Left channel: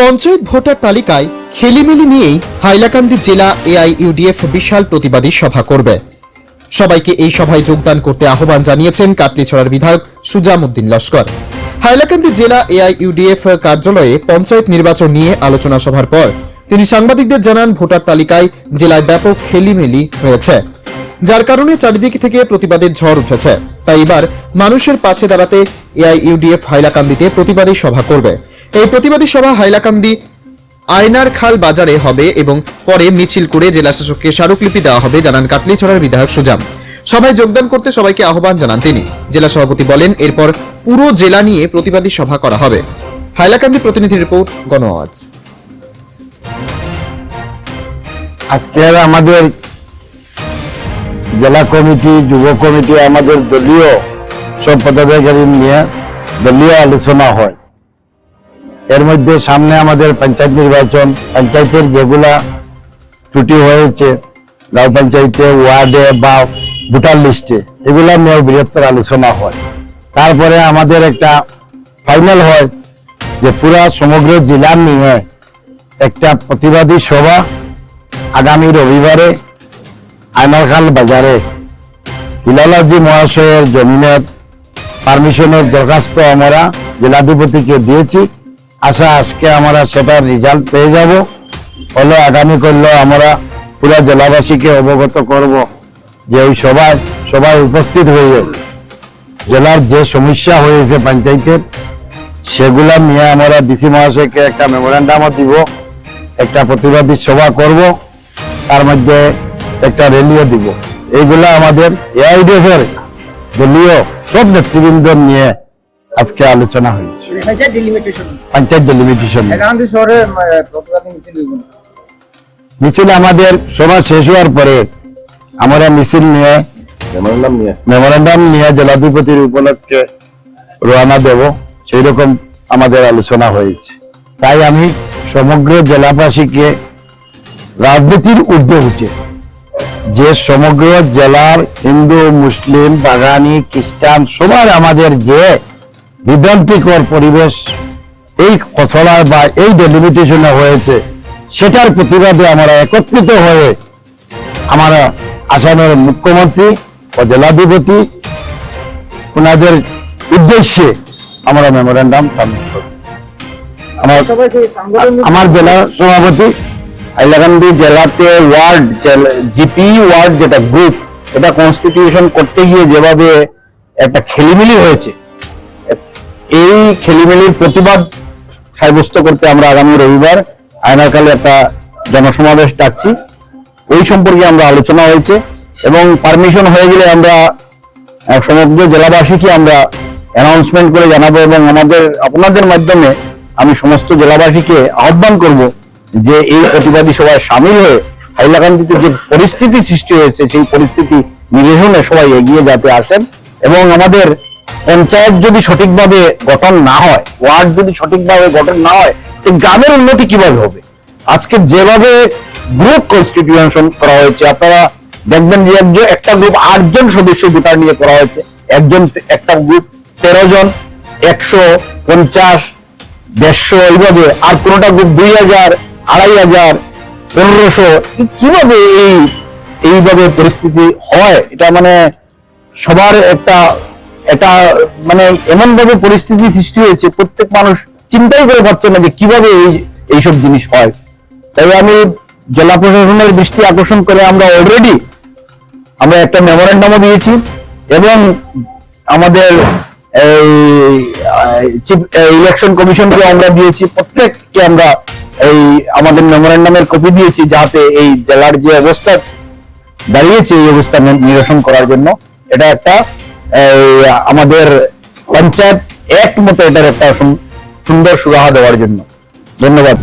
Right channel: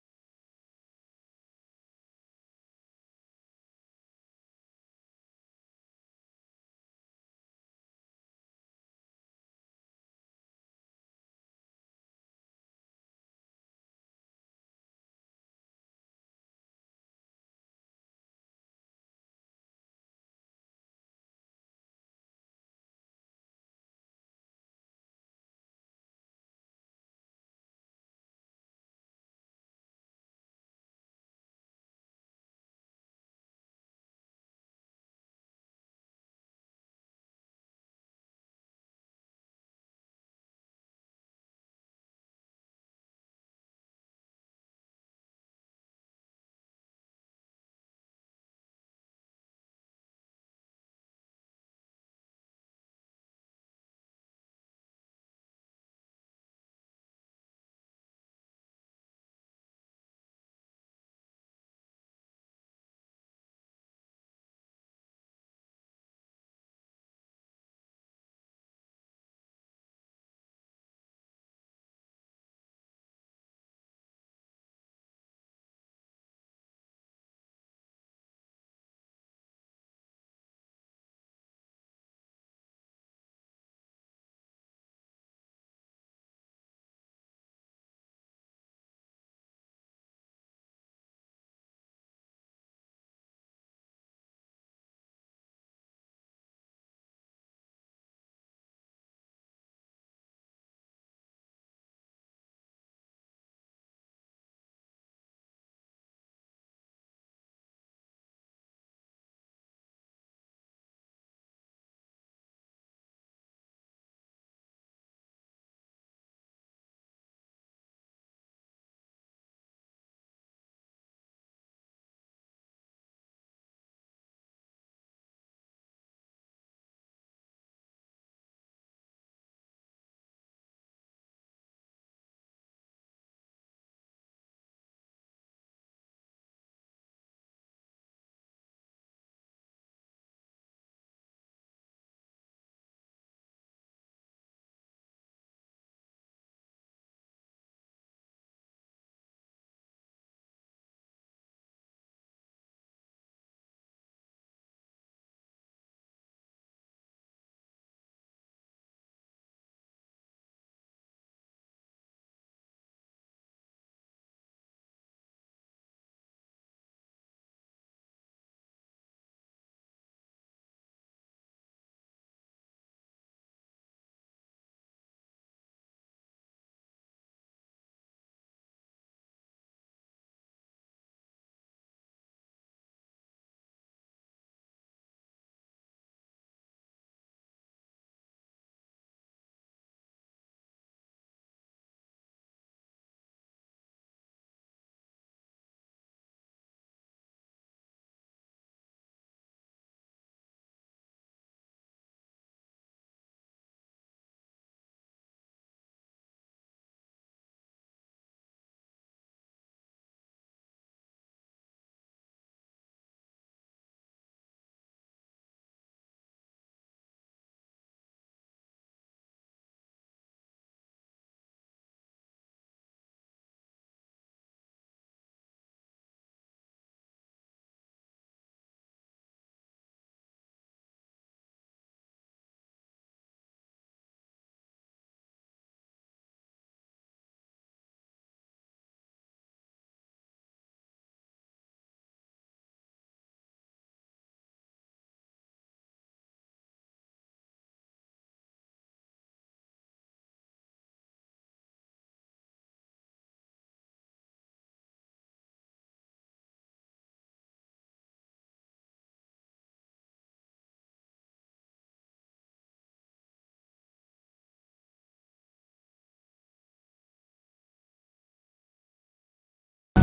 Panchayat voter তালিকায় খেলিমেলি নিয়েই হাইলাকান্দি জেলা এআইইউডিএফ বিশাল প্রতিবাদী সভা করবে। সবাইকে এই সভায় যোগদান করতে আহ্বান জানিয়েছেন কাটলিছড়ার বিধায়ক সুজাম উদ্দিন লস্কর। হাইলাকান্দি জেলা এআইইউডিএফ কার্যালয়ে পঞ্চায়েত নির্বাচন নিয়ে আলোচনা সভার পর তিনি সাংবাদিকদের জানান, ভোটার তালিকায় জেলায় ব্যাপক খেলিমেলি হয়েছে, যার কারণে চারিদিক থেকে প্রতিবাদের ঝড় উঠেছে। তাই এবার মানুষের পাশে দাঁড়াতে এআইইউডিএফ হাইলাকান্দিতে প্রতিবাদী সভা করবে। এই প্রতিবাদী সভা হাইলাকান্দি আয়নারখাল বাজারে হবে এবং পরে মিছিল করে জেলা শাসককে স্মারকলিপি দেওয়া হবে, জানান কাটলিছড়ার বিধায়ক সুজাম। সভায় যোগদান করতে সবাইকে আহ্বান জানান তিনি। জেলা সভাপতি বলেন, এরপর পুরো জেলা নিয়ে প্রতিবাদী সভা করা হবে। হাইলাকান্দি প্রতিনিধি রিপোর্ট, গণ আওয়াজ। আজকে আমাদের জেলা কমিটি, যুব কমিটি, আমাদের দলীয় সব পদাধিকারী নিয়ে দলীয় আলোচনা হয়। এর মধ্যে সামনে আমাদের পঞ্চায়েত নির্বাচন, পঞ্চায়েতের যেগুলা ত্রুটি হয়েছে গাঁও পঞ্চায়েতে, ওয়ার্ডে বা ভোটার লিস্টে, এগুলা নিয়েও বৃহত্তর আলোচনা হয়। তারপরে আমাদের একটা ফাইনাল হয় যে পুরা সমগ্র জেলা নিয়ে একটা প্রতিবাদী সভা আগামী রবিবারে আয়নারখাল বাজারে হিলালাজি মহাশয়ের জমিনের পারমিশনের দরখাস্ত আমরা জেলাধিপতিকে দিয়েছি। আজকে আমরা সেটার রেজাল্ট পেয়ে যাব। হলে আগামী করলে আমরা পুরো জেলাবাসীকে অবগত করব যে ওই সবাই উপস্থিত হয়ে জেলার যে সমস্যা হয়েছে পঞ্চায়েতের, সেগুলা নিয়ে আমরা ডিসি মহাশয়কে একটা মেমোরেন্ডামও দিব, একটা প্রতিবাদী সভা করব, তার মধ্যে একটা র্যালিও দিব। এইগুলা আমাদের এআইডিএফের দলীয় সব নেতৃবৃন্দ নিয়ে আজকে আলোচনা হয়েছে। পঞ্চায়েত ডেলিমিটেশন মিছিল আমাদের সভা শেষ হওয়ার পরে আমরা মিছিল নিয়ে মেমোরেন্ডাম নিয়ে জেলাধিপতির উপলক্ষে রওনা দেব, সেই রকম আমাদের আলোচনা হয়েছে। তাই আমি সমগ্র জেলাবাসীকে রাজনীতির ঊর্ধ্বে উঠে যে সমগ্র জেলার হিন্দু, মুসলিম, বাগানি, খ্রিস্টান সবার আমাদের যে বিভ্রান্তিকর পরিবেশ এই খসড়ায় বা এই ডেলিমিটেশনে হয়েছে, সেটার প্রতিবাদে আমরা একত্রিত হয়ে আমরা আসামের মুখ্যমন্ত্রী ও জেলাধিপতি ওনাদের উদ্দেশ্যে আমরা মেমোরেন্ডাম সাবমিট করব। আমার জেলা সভাপতি হাইলাকান্দি জেলাতে ওয়ার্ড জিপি ওয়ার্ড যেটা গ্রুপ, এটা কনস্টিটিউশন করতে গিয়ে যেভাবে একটা খেলিমেলি হয়েছে, এই খেলিমেলির প্রতিবাদ সাব্যস্ত করতে আমরা আগামী রবিবার আয়নারখালে একটা জনসমাবেশ ডাকছি। ওই সম্পর্কে আমরা আলোচনা হয়েছে এবং পারমিশন হয়ে গেলে আমরা সমগ্র জেলাবাসীকে আমরা অ্যানাউন্সমেন্ট করে জানাবো এবং আপনাদের মাধ্যমে আমি সমস্ত জেলাবাসীকে আহ্বান করব যে এই প্রতিবাদী সভায় সামিল হয়ে হাইলাকান্দিতে যে পরিস্থিতি সৃষ্টি হয়েছে, সেই পরিস্থিতি নিরসনে সবাই এগিয়ে যেতে আসেন। এবং আমাদের পঞ্চায়েত যদি সঠিকভাবে গঠন না হয়, ওয়ার্ড যদি সঠিকভাবে গঠন না হয়, গ্রামের উন্নতি কিভাবে হবে? আজকে যেভাবে গ্রুপ কনস্টিটিউশন করা হয়েছে, আপনারা দেখবেন যে একটা গ্রুপ 8 জন সদস্য ভোটার নিয়ে করা হয়েছে, একটা গ্রুপ 13 জন, 100, 50, 150 এইভাবে, আর কোনটা গ্রুপ 2000, 2500, 1500। কিভাবে এইভাবে পরিস্থিতি হয়? এটা মানে সবার এটা মানে এমন ভাবে পরিস্থিতি সৃষ্টি হয়েছে, প্রত্যেক মানুষ চিন্তাই করে পাচ্ছে না যে কিভাবে এইসব জিনিস হয়। তাই আমি জেলা প্রশাসনের দৃষ্টি আকর্ষণ করে আমরা অলরেডি একটা মেমোরেন্ডামও দিয়েছি এবং আমাদের ইলেকশন কমিশনকে আমরা দিয়েছি, প্রত্যেককে আমরা আমাদের মেমোরেন্ডামের কপি দিয়েছি, যাতে এই জেলার যে অবস্থা দাঁড়িয়েছে এই অবস্থা নিরসন করার জন্য। এটা একটা আমাদের পঞ্চায়েত অ্যাক্ট মতো এটার একটা সুন্দর সুরাহা দেওয়ার জন্য। ধন্যবাদ।